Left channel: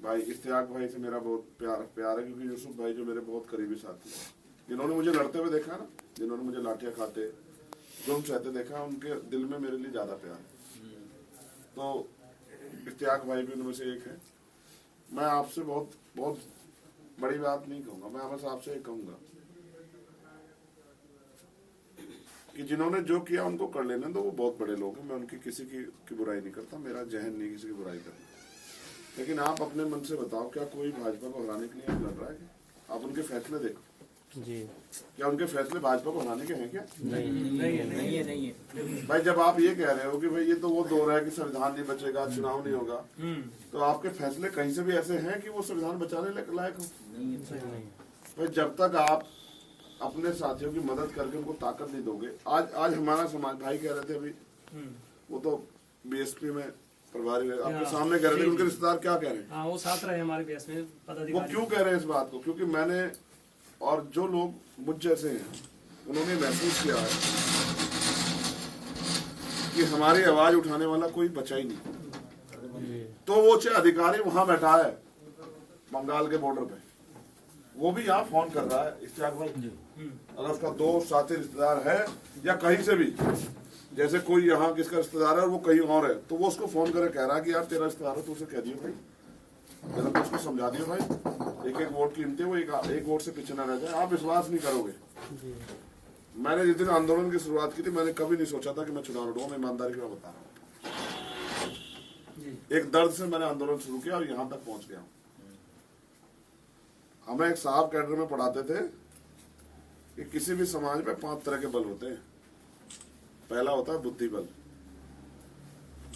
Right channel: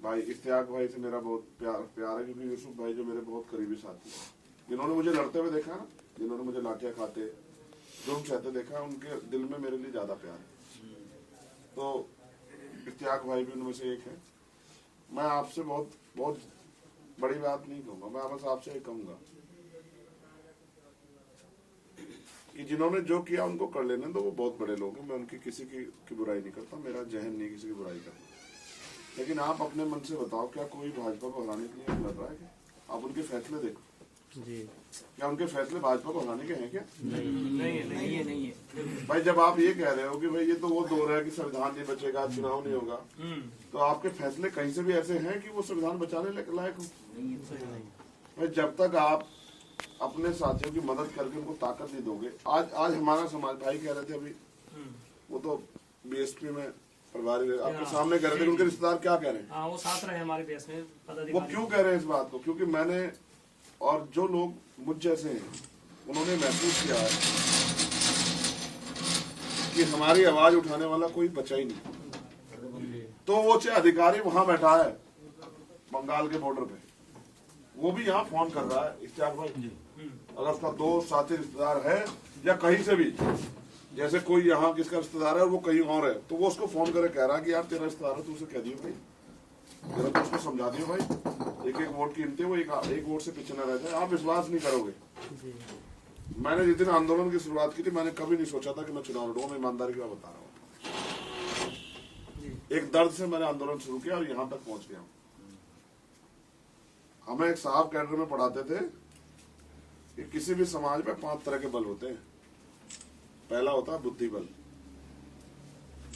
भाई इश्तियाक भाई से मेरा बहुत प्यार है, क्योंकि यूसुफ भाई जो मेरे बहुत करीबी साथी हैं, जिन्होंने मुझे लड़ते हुए देखा ना, जिन्होंने मुझे लाठियां खाते जुल्म सहते देखा, उनके दिल में मेरे लिए ज्यादा प्यार है। तो इश्तियाक भाई भी उनमें से एक है। मैं आपसे बहुत बहुत बड़ी बात नहीं कहूंगा, मैं बस आपसे एक कहूंगा कि जिन्होंने जो किया उनको कर लेने दो, वो बहुत बड़े लोग हैं। मैं उनकी किसी की बुराई नहीं करता, मेरा जहन नहीं किसी की बुराई करना। लेकिन आप अपने मन से बताओ, क्या कोई भाजपा को हराने के लिए लड़ रहा है? आप उनके फैसले देखो जी। क्या उनके फैसले भाजपा को हराने के हैं क्या? नहीं है। भाई जब आप ये कह रहे हो कि भाई ये तो वो दौर है कि संविधान नहीं बचेगा, चुनाव नहीं होगा, तो आपके फैसले कहीं से भी ऐसे हैं कि वो संविधान बचाने लायक हो? भाई जब तक आप अपने साथियों की मदद करके उनको ताकत नहीं दोगे, आज हमारा समाज, भाई कह रहे थे अभी, वो तो बीएसपी में प्रभारी आपके सामने कह रहे थे, उनके रिश्तेदार क्या कह रहे हैं? हाँ, वो साथ रहे हमारे देश में पदाधिकारी। वो क्यों कह रहे हैं इस बात को? क्योंकि मैंने और जो लोग मुझ जैसे हैं, उन्होंने महसूस किया है कि हमारी आवाज उठाने वाला कोई बचा ही नहीं। तो वो चाहे अधिकारी वहां बैठा है बंगाल के बॉर्डर पे, वो भी यहाँ फोन कर रहा है, इश्तियाक भाई अगर उसका दोस्त साथी रिश्तेदार है या कहीं से भी, जैसे कोई यहाँ किसका रिश्तेदार है और वो कहीं और है, तो वो उसको फोन करके कह रहा है कि यार तेरा रिश्तेदार है, तो उसे कह दियो भाई, जरा तो उसको समझा दियो भाई, एक एक वोट कीमती है, वो एक वोट से पीछे न रह जाए। आप विश्वास नहीं करोगे, मैंने जिस दिन आंदोलन की शुरुआत की थी, मैंने कभी नहीं सोचा था कि मैं चुनाव लड़ूंगा। मैं ईमानदारी की बात बता रहा हूँ, एक दर्द से मैंने आंदोलन शुरू किया और यहाँ तक पहुंच गया। हमें एक साहब कैडर में पढ़ाते थे कि किसी भी समाज में 5 तरह के बल होते हैं। पहला होता है बुद्धि बल,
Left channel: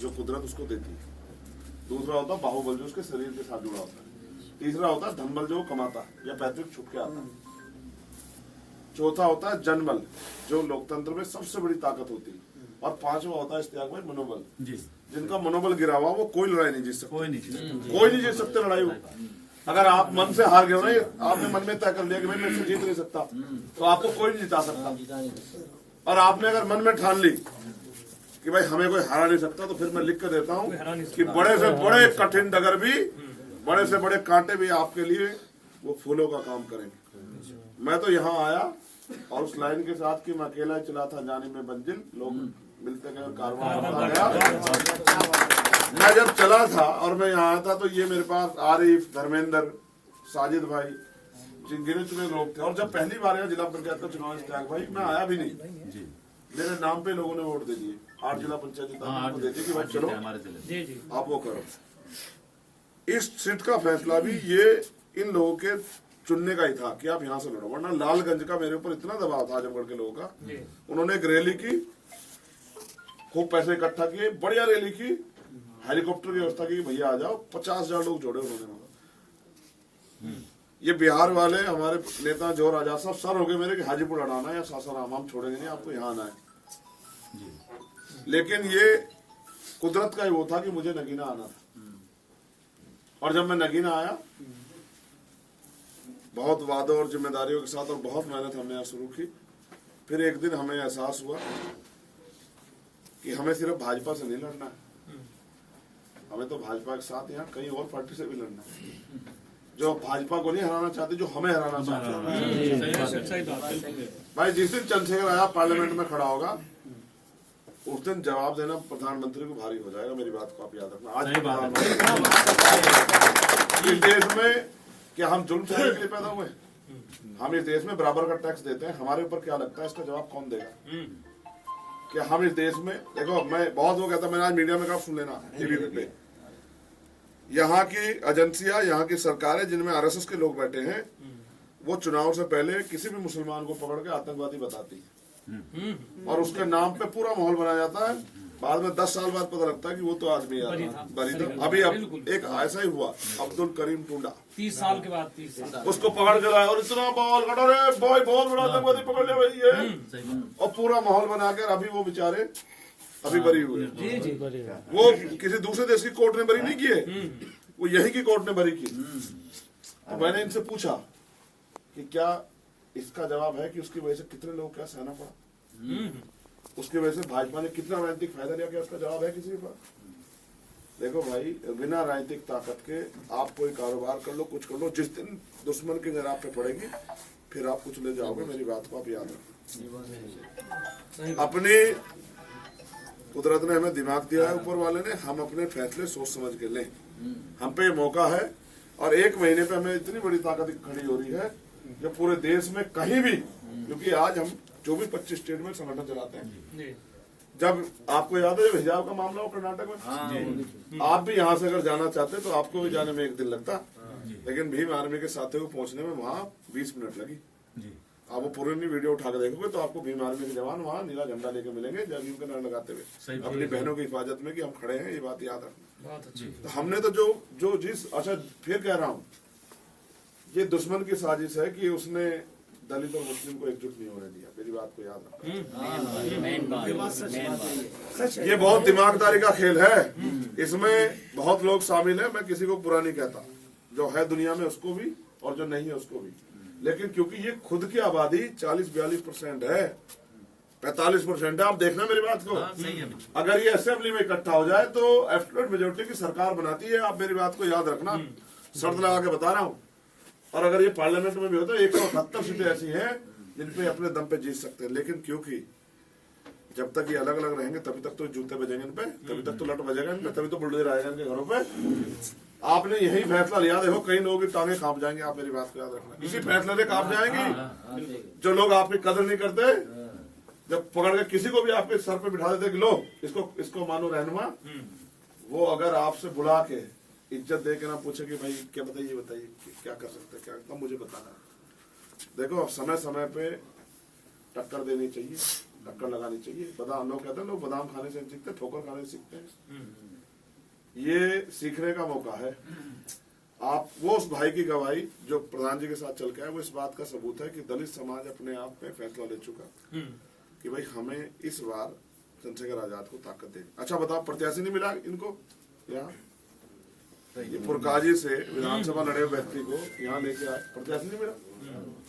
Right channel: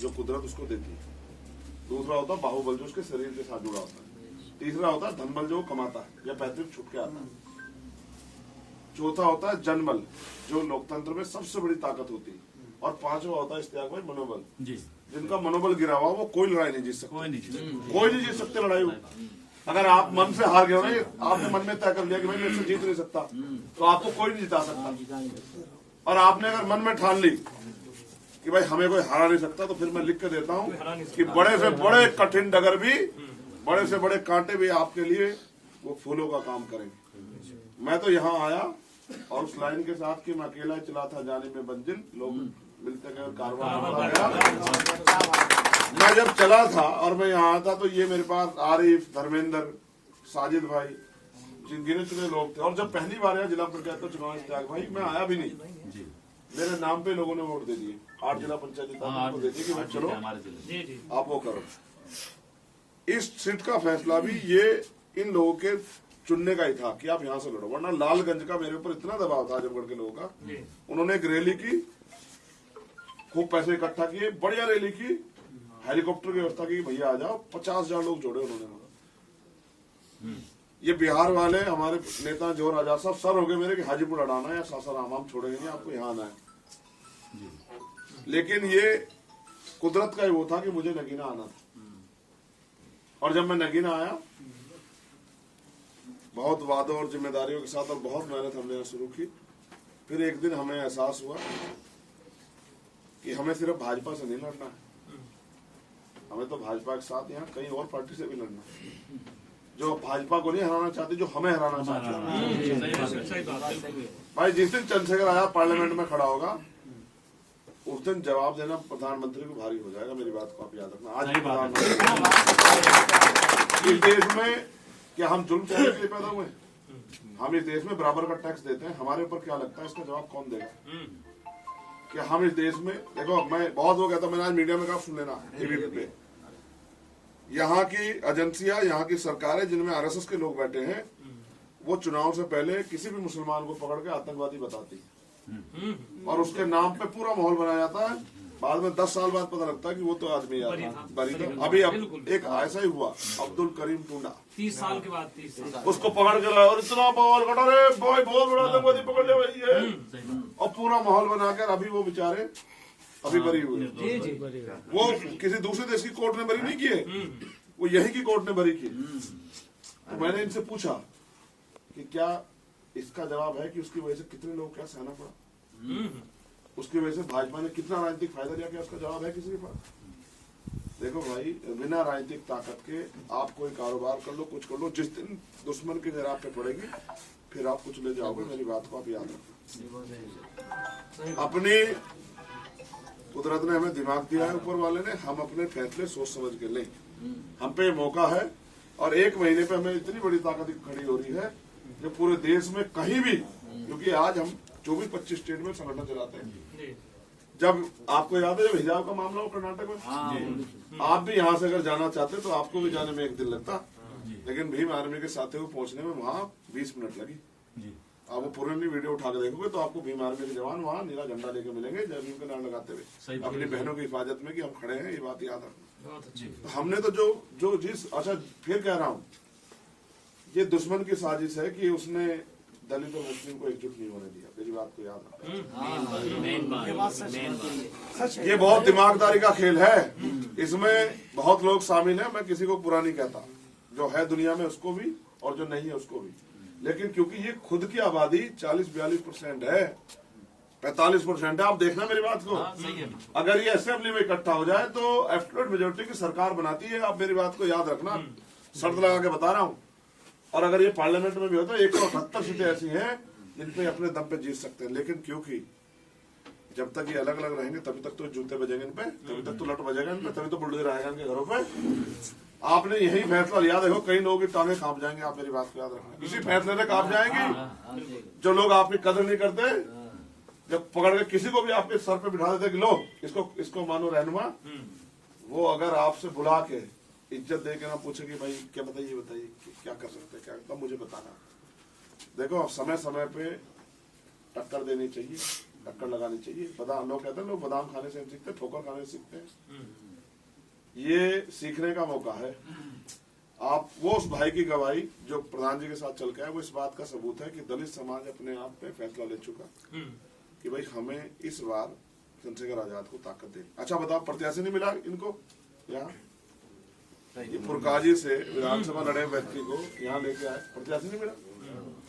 जो कुदरत उसको देती है। दूसरा होता है बाहुबल, जो उसके शरीर के साथ जुड़ा होता है। तीसरा होता है धन बल, जो वो कमाता है या पैतृक छुप के आता है। चौथा होता है जनबल, जो लोकतंत्र में सबसे बड़ी ताकत होती है। और पांचवा होता है इश्तियाक भाई मनोबल, जिनका मनोबल गिरा हुआ, वो कोई लड़ाई नहीं जीत सकता, कोई नहीं जीत सकते लड़ाई। अगर आप मन से हार गए हो ना, आपने मन में तय कर लिया कि मैं मेरे से जीत नहीं सकता, तो आपको कोई नहीं जिता सकता। और आपने अगर मन में ठान ली कि भाई हमें कोई हरा नहीं सकता, तो फिर मैं लिख कर देता हूँ कि बड़े से बड़े कठिन डगर भी, बड़े से बड़े कांटे भी आपके लिए वो फूलों का काम करेंगे। मैं तो यहाँ आया और उस लाइन के साथ कि मैं अकेला ही चला था जाने में मंजिल, लोग मिलते गए और कारवां गया। मैं जब चला था और मैं यहाँ था, तो ये मेरे पास आरिफ, धर्मेंद्र, साजिद भाई, जिन गिने चुने लोग थे। और जब पहली बार आया जिला पंचायत का चुनाव इश्तियाक भाई, मैं आया भी नहीं, मेरे नाम पे लोगों ने वोट दे दिए। 8 जिला पंचायत दे दिए कि भाई चलो आप वो करो। इस सीट का फैसला भी ये इन लोगों के चुनने का ही था कि आप यहाँ से लड़ो, वरना लालगंज का मेरे ऊपर इतना दबाव था आजमगढ़ के लोगों का। उन्होंने एक रैली की, खूब पैसे इकट्ठा किए, बढ़िया रैली की, हेलीकॉप्टर की व्यवस्था की, भैया आ जाओ। 50,000 लोग जोड़े उन्होंने। ये बिहार वाले हमारे नेता जोर आजाद साहब सर हो गए मेरे कि हाजीपुर अड़ाना है या सासाराम, हम छोड़ेंगे नहीं, आपको यहाँ आना है। लेकिन ये कुदरत का ही वो था कि मुझे नगीना आना था। और जब मैं नगीना आया, बहुत वादों और जिम्मेदारियों के साथ और बहुत मेहनत हमने यहाँ शुरू की। फिर एक दिन हमें एहसास हुआ कि हमें सिर्फ भाजपा से नहीं लड़ना है, हमें तो भाजपा के साथ यहाँ कहीं और पार्टी से भी लड़ना है, जो भाजपा को नहीं हराना चाहती, जो हमें हराना चाहते हैं। भाई जिस दिन चंद्रशेखर आजाद पार्लियामेंट में खड़ा होगा, उस दिन जवाब देना प्रधानमंत्री को भारी हो जाएगा। मेरी बात को आप याद रखना। आज प्रधानमंत्री इस देश में क्या हम जुल्म सहने के लिए पैदा हुए? हम इस देश में बराबर का टैक्स देते हैं, हमारे ऊपर क्या लगता है इसका जवाब कौन देगा? क्या हम इस देश में, देखो मैं बहुत वो कहता, मैंने आज मीडिया में कहा सुन लेना, टीवी पे, यहाँ की एजेंसियां, यहाँ की सरकारें जिनमें आरएसएस के लोग बैठे हैं, वो चुनाव से पहले किसी भी मुसलमान को पकड़ के आतंकवादी बताती है और उसके नाम पे पूरा माहौल बनाया जाता है। बाद में 10 साल बाद पता लगता है कि वो तो आदमी बरी था। अभी अब एक ऐसा ही हुआ, अब्दुल करीम टुंडा, 30 साल के बाद 30 साल उसको पकड़ के लाया और इतना माहौल कटा, रे भाई बहुत बड़ा आतंकवादी पकड़ लिया भाई ये, और पूरा माहौल बनाकर अभी वो बेचारे अभी बरी हुए। वो किसी दूसरे देश की कोर्ट ने बरी नहीं किए, वो यही की कोर्ट ने बरी की। तो मैंने इनसे पूछा कि क्या इसका जवाब है कि उसकी वजह से कितने लोग क्या सहना पड़ा, उसकी वजह से भाजपा ने कितना राजनीतिक फायदा लिया, क्या इसका जवाब है किसी के पास? देखो भाई, बिना राजनीतिक ताकत के आप कोई कारोबार कर लो, कुछ कर लो, जिस दिन दुश्मन की नजर आप पे पड़ेगी फिर आप कुछ ले जाओगे। मेरी बात को आप याद रखना। अपनी कुदरत ने हमें दिमाग दिया है, ऊपर वाले ने, हम अपने फैसले सोच समझ के लें। हम पे ये मौका है और एक महीने पे हमें इतनी बड़ी ताकत खड़ी हो रही है जो पूरे देश में कहीं भी, क्योंकि आज हम 24-25 स्टेट में संगठन चलाते हैं। जब आपको याद है जब हिजाब का मामला हो कर्नाटक में, आप भी यहाँ से अगर जाना चाहते तो आपको भी जाने में 1 दिन लगता, लेकिन भीम आर्मी के साथियों को पहुंचने में वहाँ 20 मिनट लगी। आप वो पुरानी वीडियो उठा के देखोगे तो आपको भीम आर्मी के जवान वहाँ नीला झंडा लेके मिलेंगे, जय भीम का नारा लगाते हुए अपनी बहनों की हिफाजत में कि हम खड़े हैं। ये बात याद रखना। तो हमने तो जो जिस, अच्छा फिर कह रहा हूँ, ये दुश्मन की साजिश है कि उसने दलित और मुस्लिम को एकजुट नहीं होने दिया। मेरी बात को याद रखना। ये बहुत दिमागदारी का खेल है, इसमें बहुत लोग शामिल हैं। मैं किसी को बुरा नहीं कहता, जो है दुनिया में उसको भी और जो नहीं है उसको भी, लेकिन क्योंकि ये खुद की आबादी 40-42% है, 45% है। आप देखना मेरी बात को, अगर ये असेंबली में इकट्ठा हो जाए तो एब्सोल्यूट मेजोरिटी की सरकार बनाती है। आप मेरी बात को याद रखना, शर्त लगा के बता रहा हूँ। और अगर ये पार्लियामेंट में भी होता है 178 सीटें ऐसी हैं जिन पे अपने दम पे जीत सकते हैं, लेकिन क्योंकि जब तक ये अलग अलग रहेंगे तभी तक तो जूते बजेंगे इन पे, तभी तक तो लट बजेगा इन पे, तभी तो बुलडोजर आएगा इनके घरों पे। आपने यही फैसला लिया, देखो कई लोगों की टांगे कांप जाएंगे। आप मेरी बात को याद रखना, इसी फैसले से कांप जाएंगी। जो लोग आपकी कदर नहीं करते, जब पकड़ के किसी को भी आपके सर पे बिठा देते कि लो इसको मानो रहनुमा, वो अगर आपसे बुला के इज्जत दे के ना पूछे कि भाई क्या बताइए क्या कर सकते, क्या तब मुझे बताना। देखो समय समय पे टक्कर देनी चाहिए, टक्कर लगानी चाहिए। बादाम, लोग कहते हैं लोग बादाम खाने से सीखते, ठोकर खाने से सीखते हैं। ये सीखने का मौका है। आप वो उस भाई की गवाही जो प्रधान जी के साथ चल के आए, वो इस बात का सबूत है कि दलित समाज अपने आप में फैसला ले चुका कि भाई हमें इस बार चंद्रशेखर आजाद को ताकत दे। अच्छा बताओ, प्रत्याशी नहीं मिला इनको यहाँ? ये पुरकाजी से विधानसभा लड़े व्यक्ति को यहाँ लेके आए, प्रत्याशी नहीं मिला।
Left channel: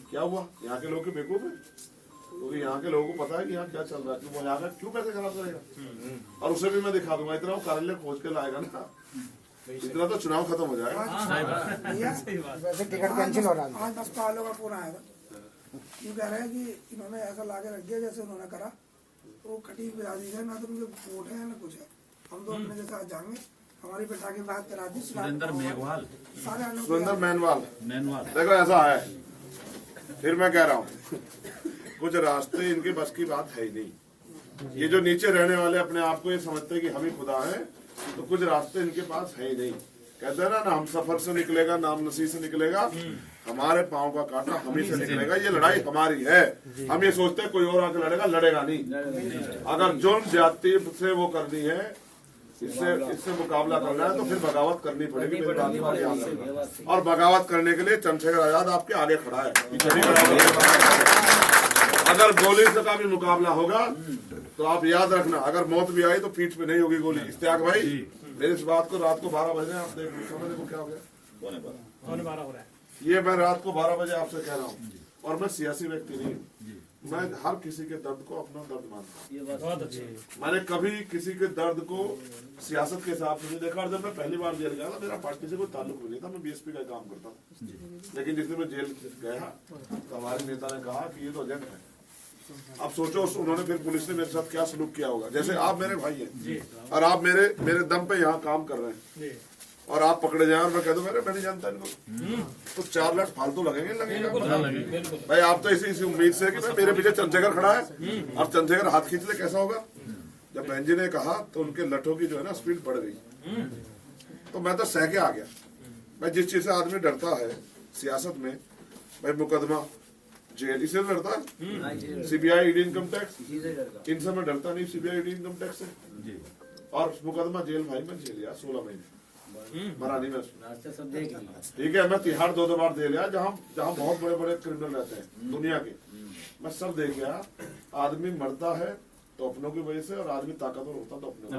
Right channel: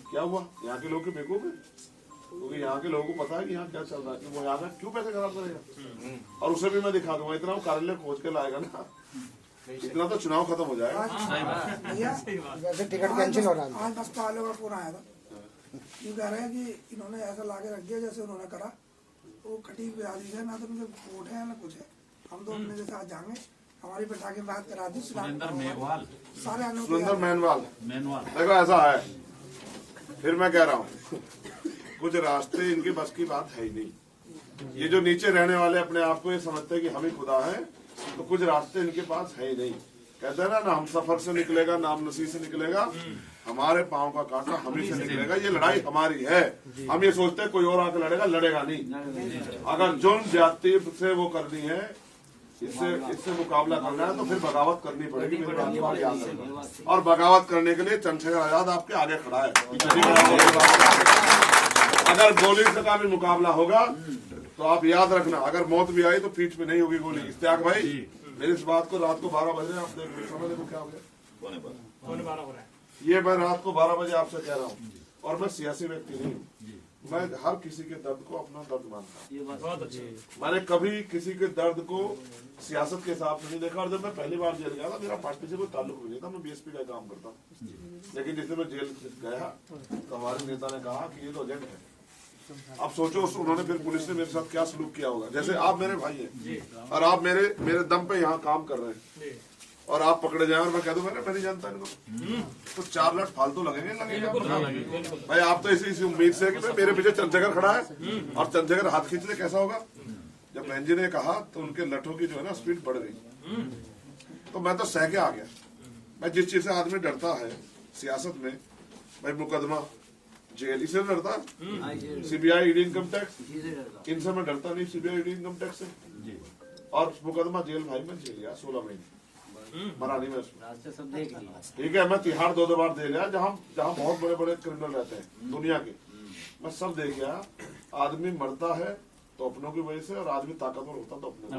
क्या हुआ? यहाँ के लोग के बेवकूफ है, क्योंकि यहाँ के लोगों को पता है कि यहाँ क्या चल रहा है, कि वो यहाँ का क्यों पैसे खराब करेगा। और उसे भी मैं दिखा दूंगा, इतना वो कार्यालय खोज के लाएगा ना, इतना तो चुनाव खत्म हो जाएगा। वैसे टिकट कैंसिल हो रहा है। आज बसपा वालों का फोन आया था, यूँ कह रहे हैं कि इन्होंने ऐसा लाके रख दिया जैसे उन्होंने करा, वो खटी ब्याजी है ना, तो मुझे वोट है ना कुछ है। हम तो अपने जैसे आज जाएंगे, हमारी बेटा की बात करा दी सुरेंद्र मेघवाल, सुरेंद्र मैनवाल। देखो ऐसा है, फिर मैं कह रहा हूँ कुछ रास्ते इनके बस की बात है ही नहीं। ये जो नीचे रहने वाले अपने आप को ये समझते हैं कि हम ही खुदा है, तो कुछ रास्ते इनके पास है ही नहीं। कहते हैं ना हम सफर से निकलेगा, नाम नसीब से निकलेगा, हमारे पांव का कांटा हम ही से निकलेगा। ये लड़ाई हमारी है। हम ये सोचते हैं कोई और आके लड़ेगा, लड़ेगा नहीं। अगर जो जाति से वो करनी है, इससे मुकाबला करना है, तो फिर बगावत करनी पड़ेगी। और बगावत करने के लिए चंद्रशेखर आजाद आपके आगे खड़ा है। अगर गोली से का भी मुकाबला होगा तो आप याद रखना, अगर मौत भी आई तो पीठ पे नहीं होगी गोली। इश्तियाक भाई, मेरी इस बात को रात को 12 बजे आप देख लो, समझ लो क्या हो गया, 12 हो रहा है। ये मैं रात को 12 बजे आपसे कह रहा हूँ। और मैं सियासी व्यक्ति नहीं हूँ, मैं हर किसी के दर्द को अपना दर्द मानता हूँ। बहुत अच्छी। मैंने कभी किसी के दर्द को सियासत के हिसाब से नहीं देखा। और जब मैं पहली बार जेल गया था, मेरा पार्टी से कोई ताल्लुक नहीं था, मैं बीएसपी का काम करता हूँ। लेकिन जिसने मैं जेल गया तो हमारे नेता ने कहा कि ये तो एजेंट है। अब सोचो उन्होंने फिर पुलिस ने मेरे साथ क्या सलूक किया होगा। जैसे आप मेरे भाई हैं और आप मेरे दम पे यहाँ काम कर रहे हैं और आप पकड़े जाए और मैं कह दूं मैं नहीं जानता इनको, तो 4 लाख फालतू लगेंगे। भाई आप तो इसी उम्मीद से कि मेरे पीछे चंद्रशेखर खड़ा है और चंद्रशेखर हाथ खींच ले, कैसा होगा। जब बहन जी ने कहा तो उनके लठों की जो है ना स्पीड बढ़ गई, तो मैं तो सह के आ गया। मैं जिस चीज से आदमी डरता है सियासत में, भाई मुकदमा, जेल, इसे डरता है। सीबीआई, ईडी, इनकम टैक्स, इनसे मैं डरता नहीं। सीबीआई, ईडी, इनकम टैक्स से और मुकदमा, जेल। भाई मैं जेल गया 16 महीने, मरा नहीं मैं उसमें। ठीक है, मैं तिहाड़ 2 बार दे लिया, जहाँ बहुत बड़े बड़े क्रिमिनल रहते हैं दुनिया के, मैं सब देख गया। आदमी मरता है तो अपनों की वजह से, और आदमी ताकतवर होता तो अपने।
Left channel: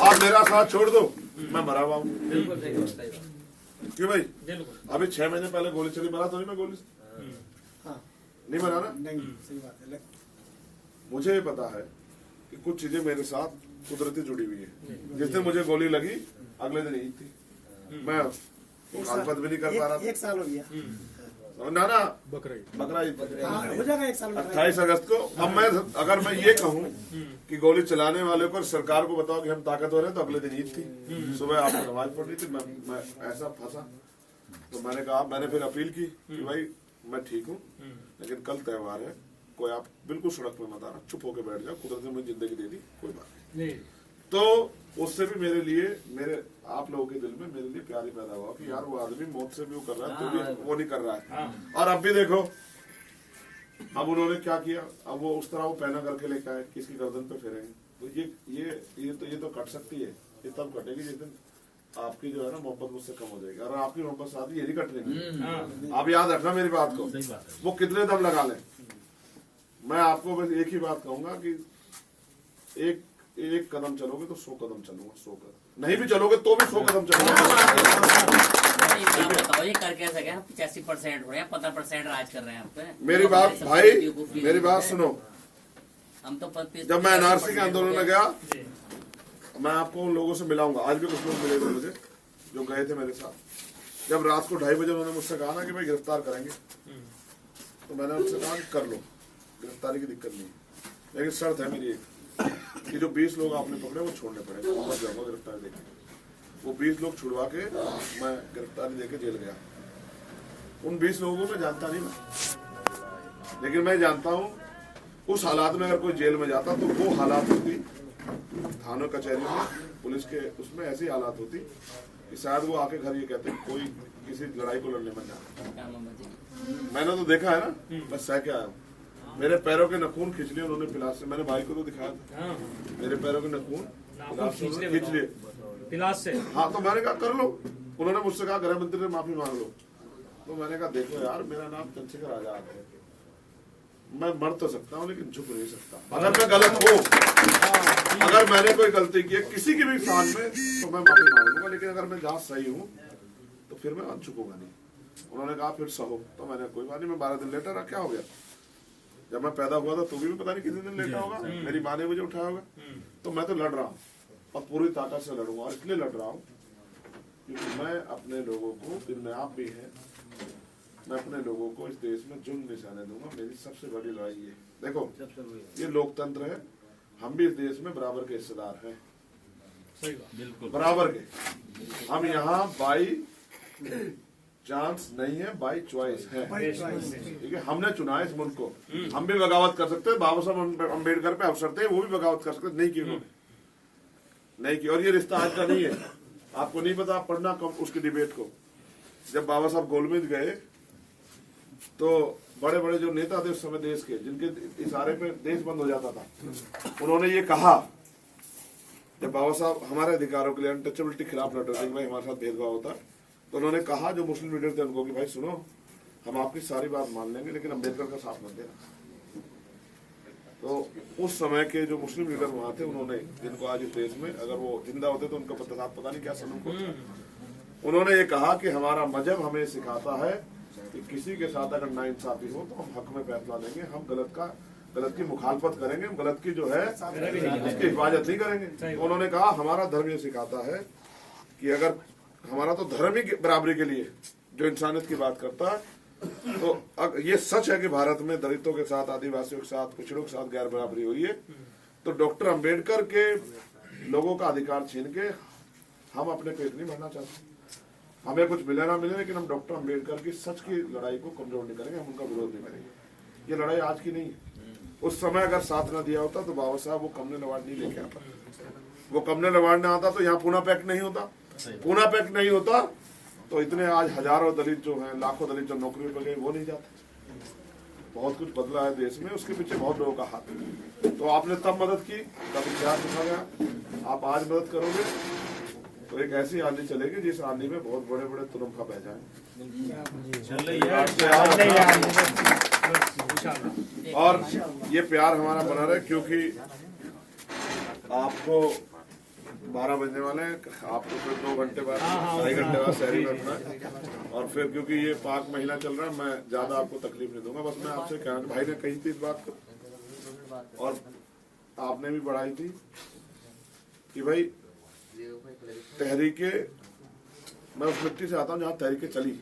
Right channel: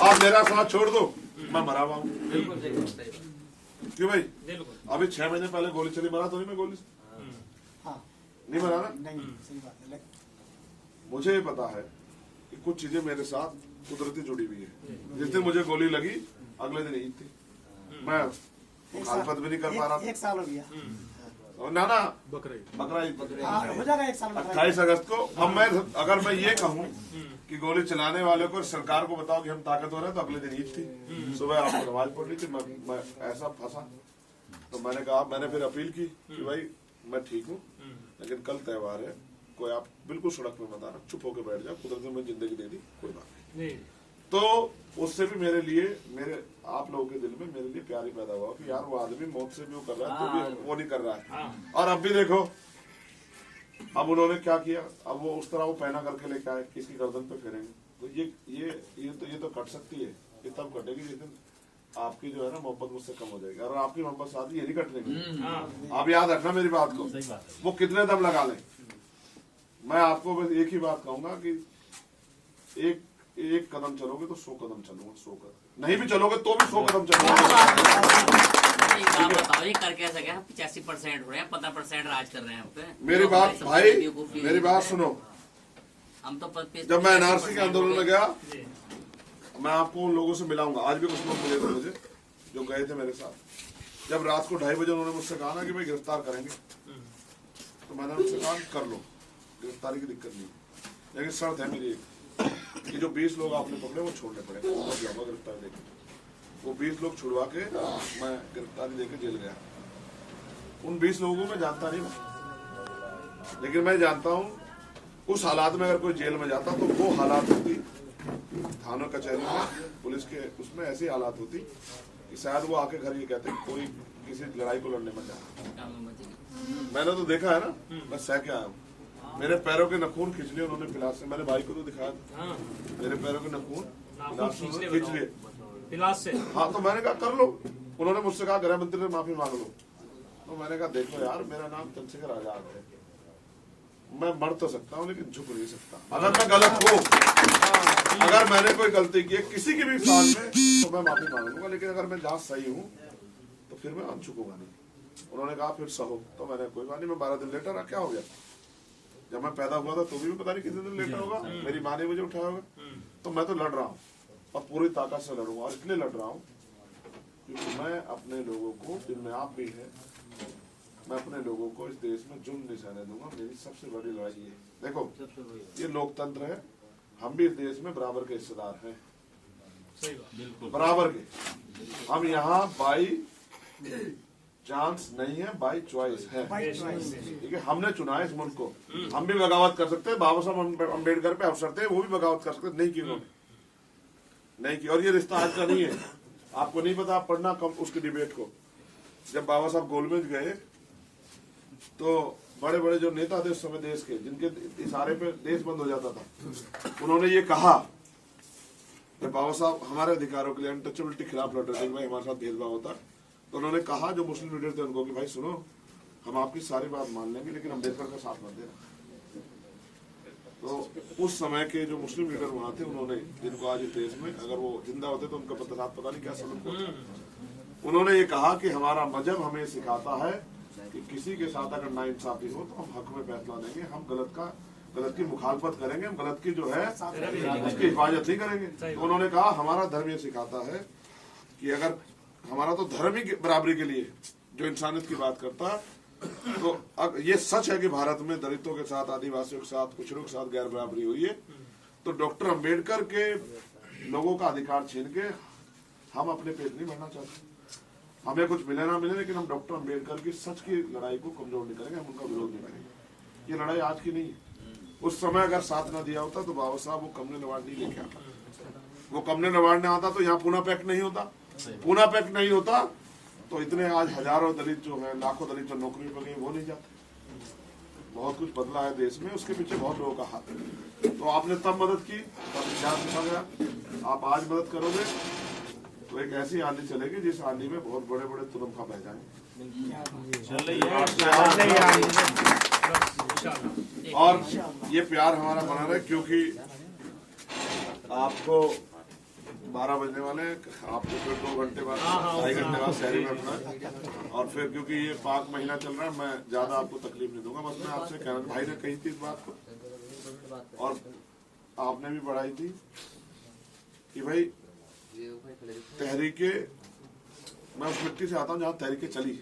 आप मेरा साथ छोड़ दो, मैं मरा हुआ हूँ। क्यों भाई? अभी 6 महीने पहले गोली चली, मरा तो नहीं मैं गोली से? नहीं मरा ना? नहीं, सही बात है। मुझे ये पता है कि कुछ चीजें मेरे साथ कुदरती जुड़ी हुई है। जिस दिन मुझे गोली लगी अगले दिन ईद थी, मैं मुखालफत भी नहीं कर पा रहा एक साल हो गया। था। ना बकरा ईद हो जाएगा एक साल में। 28 अगस्त को। अब मैं अगर मैं ये कहूँ कि गोली चलाने वाले को सरकार को बताओ कि हम ताकतवर हैं, तो अगले दिन ईद थी, सुबह आपको नमाज पढ़ रही थी, मैं ऐसा फंसा। तो मैंने कहा, मैंने फिर अपील की कि भाई मैं ठीक हूँ, लेकिन कल त्योहार है, कोई आप बिल्कुल सड़क में मत आना, चुप होकर बैठ जाओ, कुदरत ने मुझे जिंदगी दे दी, कोई बात नहीं। तो उससे भी मेरे लिए, मेरे आप लोगों के दिल में मेरे लिए प्यार ही पैदा हुआ कि यार वो आदमी मौत से भी वो कर रहा है, तो भी वो नहीं कर रहा है। और अब भी देखो, अब उन्होंने क्या किया, अब वो उस तरह वो पहना करके लेके आए कि इसकी गर्दन पे फेरेंगे। तो ये तो कट सकती है, ये तब कटेगी जिस दिन आपकी जो है ना मोहब्बत मुझसे कम हो जाएगी, और आपकी मोहब्बत साथ ये नहीं कटने की। आप याद रखना मेरी बात को, वो कितने दम लगा लें। मैं आपको बस एक ही बात कहूंगा कि एक कदम चलोगे तो 100 कदम चलूंगा, 100 कदम नहीं भी चलोगे तो भी 100 कदम चलूंगा। बताओ ये कर कैसे गया? 85% हो रहे हैं, 15% राज कर रहे हैं हम पे। मेरी बात भाई, मेरी बात सुनो। हम तो जब मैं एनआरसी के आंदोलन में गया, मैं आपको उन लोगों से मिलाऊंगा, आज भी कुछ लोग मिले थे मुझे जो गए थे मेरे साथ। जब रात को 2:30 बजे उन्होंने मुझसे कहा ना कि भाई गिरफ्तार करेंगे, तो मैंने उनसे कहा कर लो, गिरफ्तारी की दिक्कत नहीं है, लेकिन शर्त है मेरी कि जो 20 लोग आपने पकड़े वो छोड़ने पड़ेंगे, मैं जाऊंगा गिरफ्तारी देके। वो 20 लोग छुड़वा के मैं गिरफ्तारी देके जेल गया। उन 20 लोगों को मैं जानता नहीं, लेकिन मैं जानता हूँ उस हालात में अगर कोई जेल में जाता तो वो हालात होती थानों कचहरी में, पुलिस के उसमें ऐसी हालात होती कि शायद वो आके घर ये कहते कोई किसी लड़ाई को लड़ने में जाता। मैंने तो देखा है ना, मैं सह के आया हूँ। मेरे पैरों के नखून खींच लिए उन्होंने पिलास से, मैंने भाई को तो दिखाया, मेरे पैरों के नखून खींच लिए पिलास से। हाँ, तो मैंने कहा कर लो। उन्होंने मुझसे कहा गृह मंत्री से माफी मांग लो, तो मैंने कहा देखो यार, मेरा नाम चंद्रशेखर आजाद है, मैं मर तो सकता हूँ लेकिन झुक नहीं सकता। अगर मैं गलत हूँ, अगर मैंने कोई गलती की है किसी की भी शान में, तो मैं माफी मांग लूंगा, लेकिन अगर मैं जहाँ सही हूँ तो फिर मैं झुकूंगा नहीं। उन्होंने कहा फिर सहो, तो मैंने कोई बात नहीं, मैं 12 दिन लेटा रहा, क्या हो गया? जब मैं पैदा हुआ था तो भी पता नहीं कितने दिन लेटा होगा, मेरी माँ ने मुझे उठाया होगा। तो मैं तो लड़ रहा हूँ और पूरी ताकत से लड़ूंगा, और इसलिए लड़ रहा हूँ क्योंकि मैं अपने लोगों को, जिनमें आप भी हैं, मैं अपने लोगों को इस देश में जुल्म नहीं सहने दूंगा। मेरी सबसे बड़ी लड़ाई है। देखो, ये लोकतंत्र है, हम भी इस देश में बराबर के हिस्सेदार हैं, बराबर के। हम यहाँ बाई चांस नहीं है, बाई चॉइस है, ठीक है। हमने चुना है इस मुल्क को, हम भी बगावत कर सकते हैं। बाबा साहब अम्बेडकर पे अवसर थे, वो भी बगावत कर सकते, नहीं की उन्होंने, नहीं की। और ये रिश्ता आज का नहीं है, आपको नहीं पता, आप पढ़ना कम उसकी डिबेट को। जब बाबा साहब गोलमेज गए तो बड़े बड़े जो नेता थे उस समय देश के, जिनके इशारे पे देश बंद हो जाता था, उन्होंने ये कहा, जब बाबा साहब हमारे अधिकारों के लिए, अनटचेबिलिटी के खिलाफ लड़ रहे थे, भाई हमारे साथ भेदभाव होता, तो उन्होंने कहा जो मुस्लिम लीडर थे उनको कि भाई सुनो, हम आपकी सारी बात मान लेंगे लेकिन अम्बेडकर का साथ मत देना। तो उस समय के जो मुस्लिम लीडर वहां थे, उन्होंने, जिनको आज इस देश में अगर वो जिंदा होते तो उनका पता नहीं क्या सनम होता, उन्होंने ये कहा कि हमारा मजहब हमें सिखाता है कि किसी के साथ अगर नाइंसाफी हो तो हम हक में फैसला देंगे, हम गलत की मुखालफत करेंगे, हम गलत की जो है उसकी हिफाजत नहीं करेंगे। तो उन्होंने कहा हमारा धर्म ये सिखाता है कि अगर हमारा तो धर्म ही बराबरी के लिए जो इंसानियत की बात करता है, तो ये सच है कि भारत में दलितों के साथ, आदिवासियों के साथ, पिछड़ों के साथ गैर बराबरी हुई है। तो डॉक्टर अम्बेडकर के लोगों का अधिकार छीन के हम अपने पेट नहीं भरना चाहते। हमें कुछ मिले ना मिले, लेकिन हम डॉक्टर अम्बेडकर की सच की लड़ाई को कमजोर नहीं करेंगे, हम उनका विरोध नहीं करेंगे। ये लड़ाई आज की नहीं है। उस समय अगर साथ न दिया होता तो बाबा साहब वो कमले अवार्ड नहीं लेके आता, वो कमले अवार्ड न आता तो यहाँ पूना पैक्ट नहीं होता, पूना पैक्ट नहीं होता तो इतने आज हजारों दलित जो हैं, लाखों दलित जो नौकरी पर गए वो नहीं जाते। बहुत कुछ बदला है देश में, उसके पीछे बहुत लोगों का हाथ है। तो आपने तब मदद की, तब इतिहास लिखा गया, आप आज मदद करोगे तो एक ऐसी आंधी चलेगी जिस आंधी में बहुत बड़े बड़े तुरंखा बह जाए। और ये प्यार हमारा बना रहे, क्योंकि आपको 12 बजने वाले हैं, आपको फिर 2 घंटे बाद, 2.5 घंटे बाद शहरी में अपना, और फिर क्योंकि ये पाक महीना चल रहा है, मैं ज्यादा आपको तकलीफ नहीं दूंगा। बस मैं आपसे कहना, भाई ने कही थी इस बात को और आपने भी बढ़ाई थी कि भाई तहरीके, मैं उस मिट्टी से आता हूँ जहाँ तहरीके चली,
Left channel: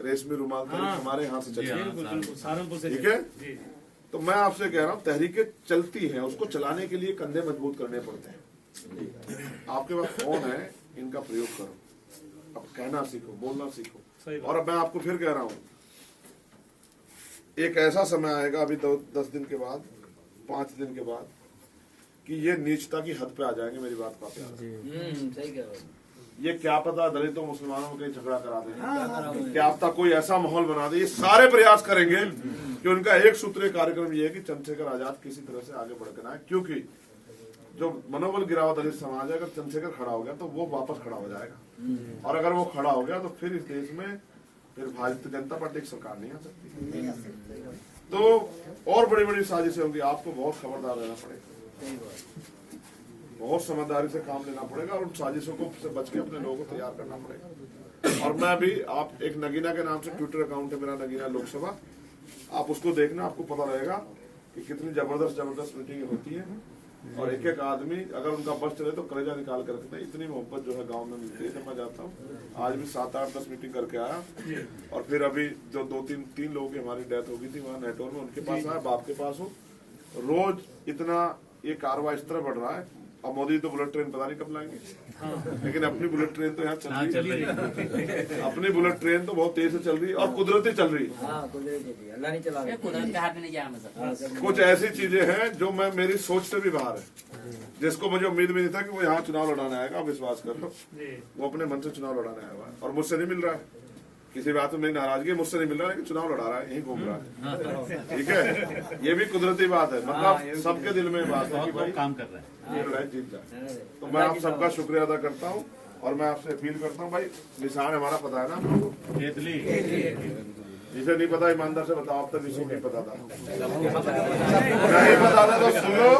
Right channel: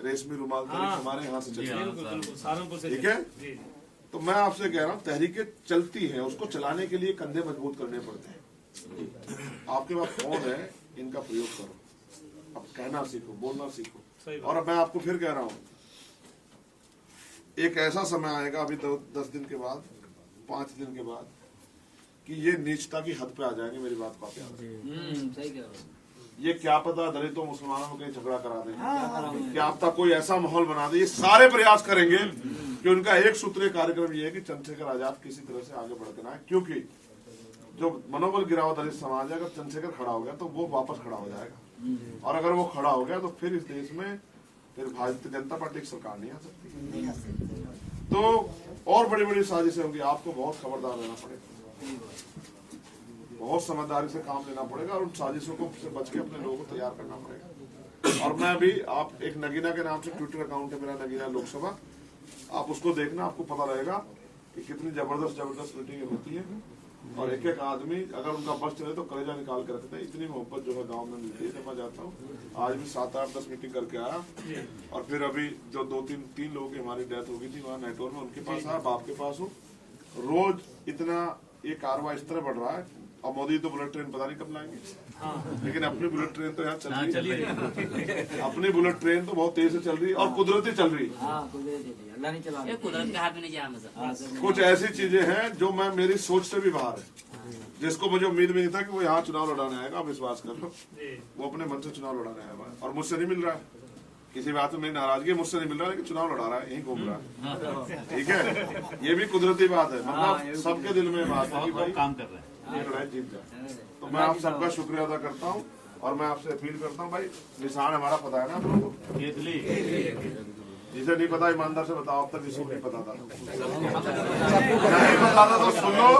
रेशमी रुमाल तहरीक हमारे यहाँ से चली, बिल्कुल बिल्कुल सहारनपुर से ठीक है? जी जी तो मैं आपसे कह रहा हूँ तहरीके चलती हैं, उसको चलाने के लिए कंधे मजबूत करने पड़ते हैं। आपके पास फोन है, इनका प्रयोग करो, अब कहना सीखो, बोलना सीखो। सही बात। और अब मैं आपको फिर कह रहा हूँ, एक ऐसा समय आएगा अभी 10 दिन के बाद, 5 दिन के बाद, कि ये नीचता की हद पे आ जाएंगे। मेरी बात को आप याद रखें। सही कह रहे हो। ये क्या पता दलितों मुसलमानों में कहीं झगड़ा करा दें, क्या पता कोई ऐसा माहौल बना दे। ये सारे प्रयास करेंगे कि उनका एक सूत्रीय कार्यक्रम ये है कि चंद्रशेखर आजाद किसी तरह से आगे बढ़ कर आए, क्योंकि जो मनोबल गिरा हुआ दलित समाज है, अगर चंद्रशेखर खड़ा हो गया तो वो वापस खड़ा हो जाएगा, और अगर वो खड़ा हो गया तो फिर इस देश में फिर भारतीय जनता पार्टी की सरकार नहीं आ सकती। तो और बड़ी बड़ी साजिशें होंगी, आपको बहुत खबरदार रहना पड़ेगा, बहुत समझदारी से काम लेना पड़ेगा, और उन साजिशों को से बच के अपने लोगों को तैयार करना पड़ेगा। और मैं भी, आप एक नगीना के नाम से ट्विटर अकाउंट है मेरा, नगीना लोकसभा, आप उसको देखना, आपको पता रहेगा कि कितनी जबरदस्त मीटिंग होती है, और एक एक आदमी अगर उनका बस चले तो कलेजा निकाल कर रखते हैं। इतनी मोहब्बत जो है गांव में मिलती है। जब मैं जाता हूँ, आज भी 7, 8, 10 मीटिंग करके आया, और फिर अभी जो 2-3 लोगों की हमारी डेथ हो गई थी वहाँ नेटवर्क में, उनके पास आया, बाप के पास हो। रोज इतना ये कारवां इस तरह बढ़ रहा है, और मोदी तो बुलेट ट्रेन पता नहीं कब लाएंगे, लेकिन अपनी बुलेट ट्रेन तो यहाँ चल रही है। अपनी बुलेट ट्रेन तो बहुत तेज से चल रही है, और कुदरती चल रही है। अल्लाह नहीं चला ये कुदरत के हाथ में नहीं जा मतलब। कुछ ऐसी चीजें हैं जो मैं, मेरी सोच से भी बाहर है, जिसको मुझे उम्मीद भी नहीं था कि वो यहाँ चुनाव लड़ाने आएगा। आप विश्वास कर लो, जी वो अपने मन से चुनाव लड़ाने आया हुआ है, और मुझसे नहीं मिल रहा है। किसी बात में मेरी नाराजगी, मुझसे नहीं मिल रहा है, लेकिन चुनाव लड़ा रहा है, यहीं घूम रहा है, ठीक है? ये भी कुदरती बात है, मतलब सबके दिल में बात है कि भाई काम कर रहे हैं, ये लड़ाई जीत जाए। तो मैं आप सबका शुक्रिया अदा करता हूँ, और मैं आपसे अपील करता हूँ, भाई निशान हमारा पता है ना आप लोगों को? केतली जिसे नहीं पता ईमानदार से बताओ, अब तक इसको नहीं पता था, नहीं पता था तो सुनो।